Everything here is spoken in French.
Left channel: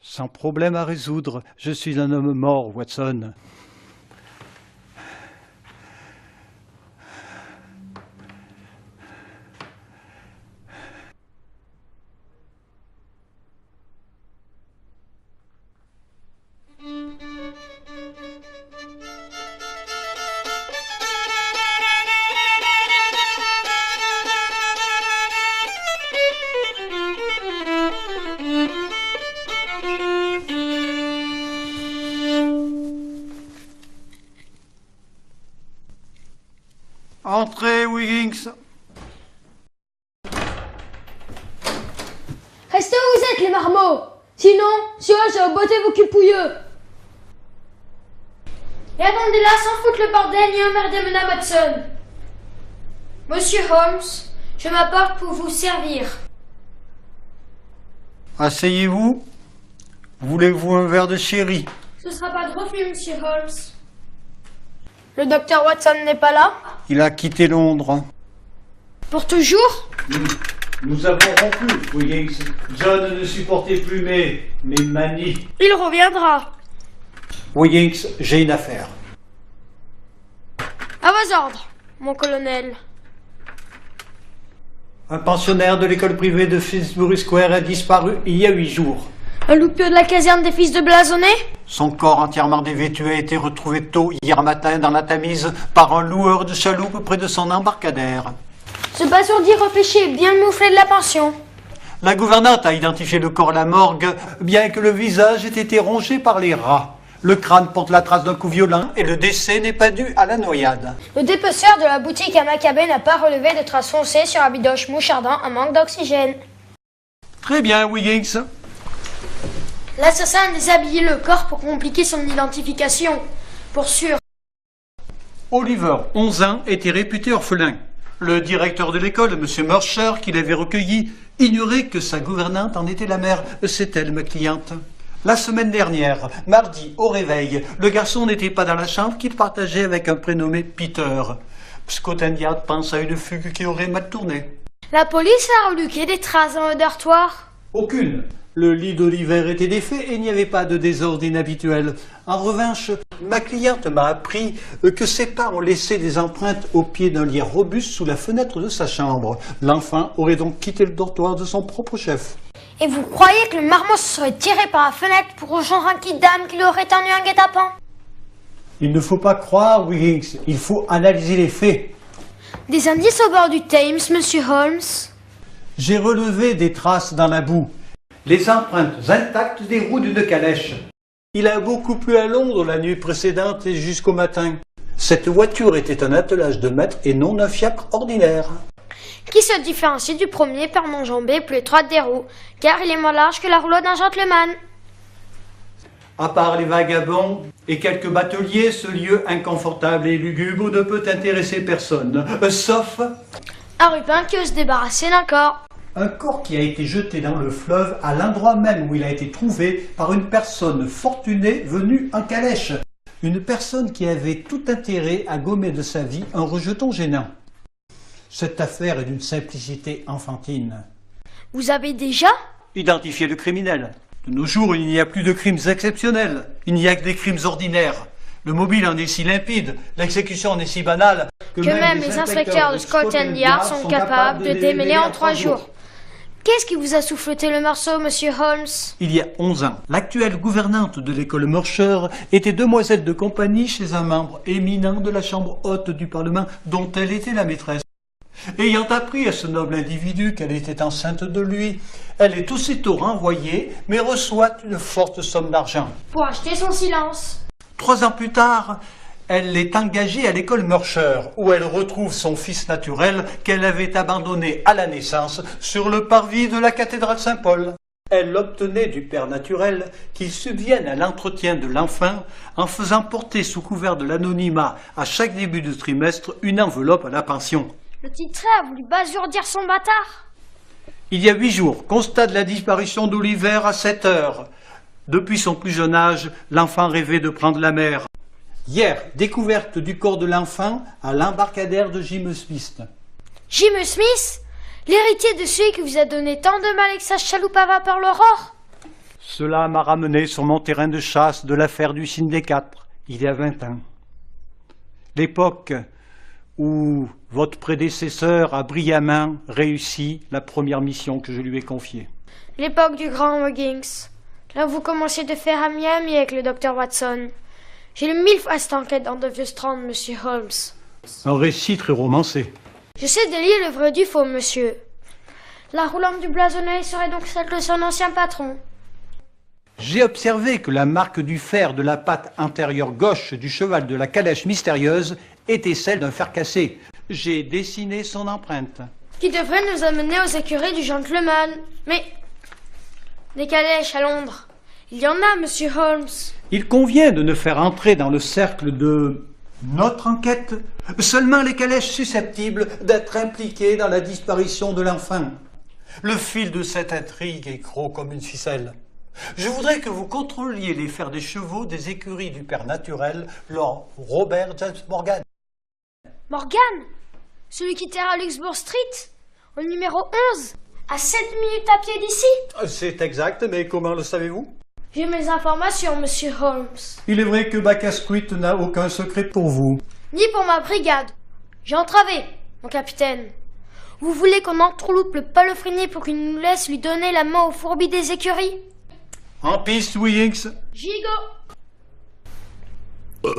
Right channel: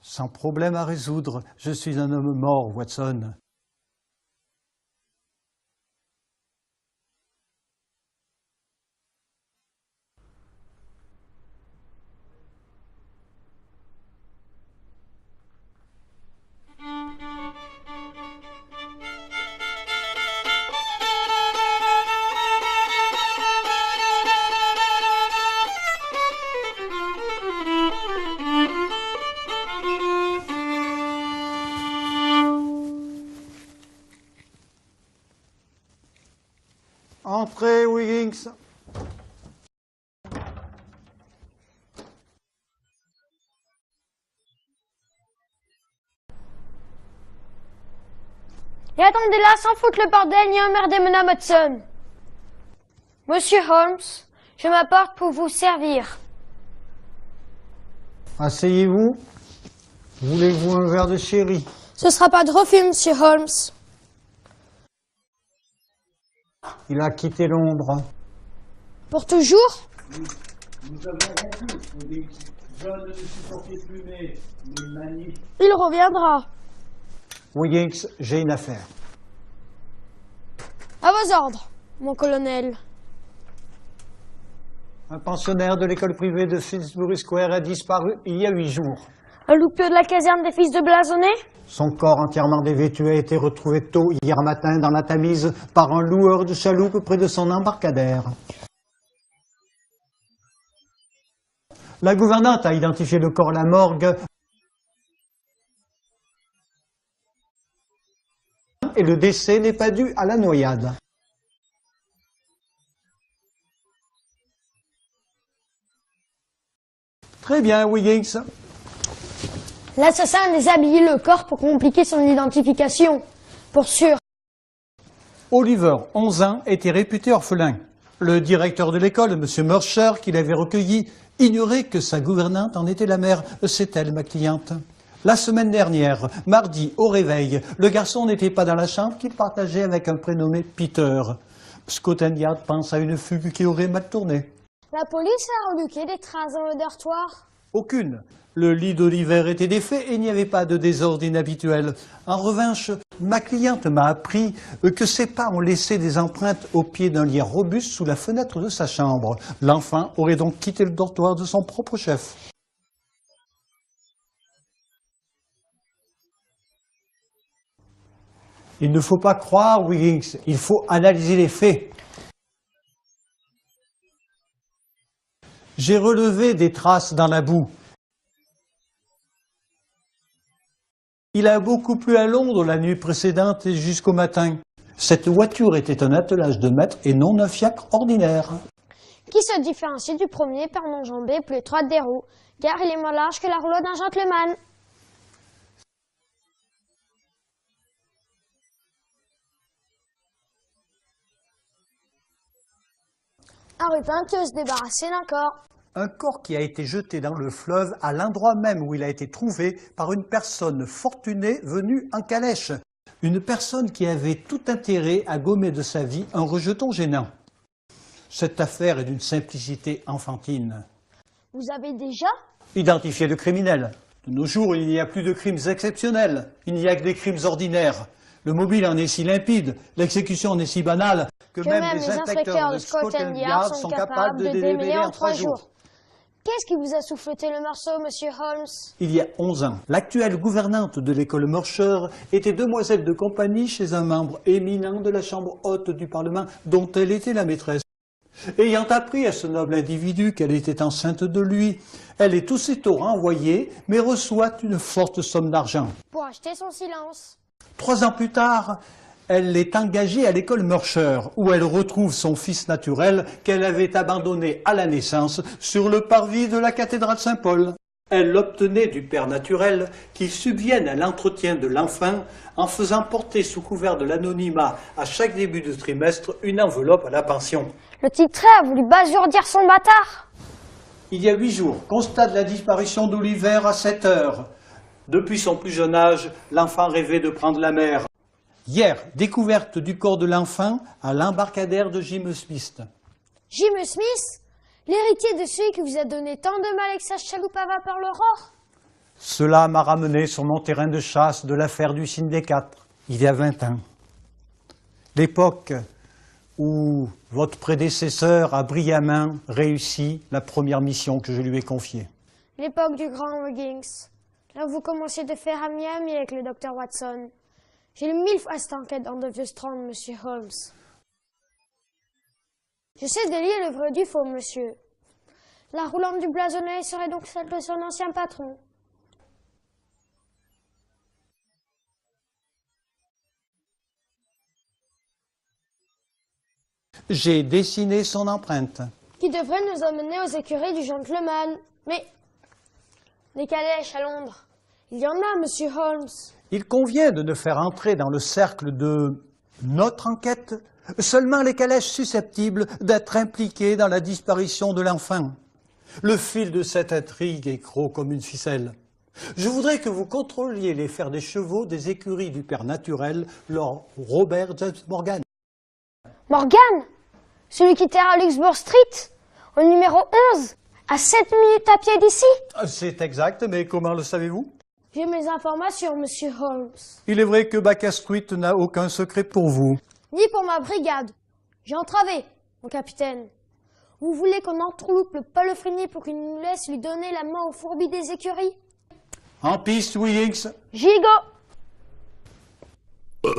Sans problème à résoudre, je suis un homme mort, Watson. Entrez, Wiggins. Restez où vous êtes, les marmots. Sinon, je vais botter vos culs pouilleux. Et attendez là, sans foutre le bordel ni emmerder Madame Watson. Monsieur Holmes, je m'apporte pour vous servir. Asseyez-vous. Voulez-vous un verre de sherry? Ce sera pas de refus, Monsieur Holmes. Le docteur Watson n'est pas là? Il a quitté Londres. Pour toujours? Nous avons rompu, Wiggins. John ne supportait plus mes manies. Il reviendra. Wiggins, j'ai une affaire. À vos ordres, mon colonel. Un pensionnaire de l'école privée de Finsbury Square a disparu il y a 8 jours. Le loupieux de la caserne des fils de Blasonnet? Son corps entièrement dévêtu a été retrouvé tôt hier matin dans la Tamise par un loueur de chaloupe près de son embarcadère. Ce basourdi réfléchit est bien mouflé de la pension. La gouvernante a identifié le corps à la morgue, bien que le visage ait été rongé par les rats. Le crâne porte la trace d'un coup violent et le décès n'est pas dû à la noyade. Le dépeceur de la boutique à Maccabée n'a pas relevé de traces foncées sur un bidoche mouchardant un manque d'oxygène. Très bien, Wiggins. L'assassin a déshabillé le corps pour compliquer son identification. Pour sûr. Oliver, 11 ans, était réputé orphelin. Le directeur de l'école, M. Mercer, qui l'avait recueilli, ignorait que sa gouvernante en était la mère. C'est elle, ma cliente. La semaine dernière, mardi, au réveil, le garçon n'était pas dans la chambre qu'il partageait avec un prénommé Peter. Scotland Yard pense à une fugue qui aurait mal tourné. La police a reluqué des traces dans le dortoir? Aucune. Le lit d'Oliver était défait et il n'y avait pas de désordre inhabituel. En revanche, ma cliente m'a appris que ses pas ont laissé des empreintes au pied d'un lit robuste sous la fenêtre de sa chambre. L'enfant aurait donc quitté le dortoir de son propre chef. Et vous croyez que le marmot se serait tiré par la fenêtre pour rejoindre un kid-dame qui lui aurait tendu un guet-apens? Il ne faut pas croire, Wiggins. Il faut analyser les faits. Des indices au bord du Thames, Monsieur Holmes? J'ai relevé des traces dans la boue. Les empreintes intactes des roues d'une calèche. Il a beaucoup plu à Londres la nuit précédente et jusqu'au matin. Cette voiture était un attelage de maître et non un fiacre ordinaire. Qui se différencie du premier par l'enjambée plus étroite des roues, car il est moins large que la rouleau d'un gentleman. À part les vagabonds et quelques bateliers, ce lieu inconfortable et lugubre ne peut intéresser personne, sauf Un rupin qui veut se débarrasser d'un corps. un corps qui a été jeté dans le fleuve à l'endroit même où il a été trouvé par une personne fortunée venue en calèche. Une personne qui avait tout intérêt à gommer de sa vie un rejeton gênant. Cette affaire est d'une simplicité enfantine. Vous avez déjà? Identifier le criminel. De nos jours, il n'y a plus de crimes exceptionnels. Il n'y a que des crimes ordinaires. Le mobile en est si limpide, l'exécution en est si banale que même les inspecteurs de Scotland Yard sont capables de démêler en 3 jours. Qu'est-ce qui vous a souffleté le morceau, Monsieur Holmes? Il y a 11 ans, l'actuelle gouvernante de l'école Mercer était demoiselle de compagnie chez un membre éminent de la Chambre haute du Parlement dont elle était la maîtresse. Ayant appris à ce noble individu qu'elle était enceinte de lui, elle est aussitôt renvoyée, mais reçoit une forte somme d'argent. Pour acheter son silence. 3 ans plus tard, elle est engagée à l'école Mercer, où elle retrouve son fils naturel qu'elle avait abandonné à la naissance sur le parvis de la cathédrale Saint-Paul. Elle obtenait du père naturel qu'il subvienne à l'entretien de l'enfant en faisant porter sous couvert de l'anonymat à chaque début de trimestre une enveloppe à la pension. Le titré a voulu basourdir son bâtard. Il y a 8 jours, constat de la disparition d'Oliver à 7 heures. Depuis son plus jeune âge, l'enfant rêvait de prendre la mer. Hier, découverte du corps de l'enfant à l'embarcadère de Jim Smith. Jim Smith? L'héritier de celui qui vous a donné tant de mal avec sa chaloupe à vapeur l'aurore? Cela m'a ramené sur mon terrain de chasse de l'affaire du Sindé 4, il y a 20 ans. L'époque où votre prédécesseur a brillamment réussi la première mission que je lui ai confiée. L'époque du grand Muggins. Là où vous commenciez de faire ami-ami avec le docteur Watson. J'ai lu 1000 fois cette enquête dans The Vieux Strand, monsieur Holmes. Un récit très romancé. J'essaie de lire le vrai du faux, monsieur. La roulante du blasonnet serait donc celle de son ancien patron. J'ai observé que la marque du fer de la patte intérieure gauche du cheval de la calèche mystérieuse était celle d'un fer cassé. J'ai dessiné son empreinte. Qui devrait nous amener aux écuries du gentleman. Mais des calèches à Londres, il y en a, monsieur Holmes. Il convient de ne faire entrer dans le cercle de notre enquête seulement les calèches susceptibles d'être impliquées dans la disparition de l'enfant. Le fil de cette intrigue est gros comme une ficelle. Je voudrais que vous contrôliez les fers des chevaux des écuries du père naturel, Lord Robert James Morgan. Morgan, celui qui terre à Luxembourg Street, au numéro 11, à 7 minutes à pied d'ici. C'est exact, mais comment le savez-vous? J'ai mes informations, monsieur Holmes. Il est vrai que Bacasquit n'a aucun secret pour vous. Ni pour ma brigade. J'ai entravé, mon capitaine. Vous voulez qu'on entourloupe le palefrenier pour qu'il nous laisse lui donner la main au fourbi des écuries? En piste, Willings. J'y go.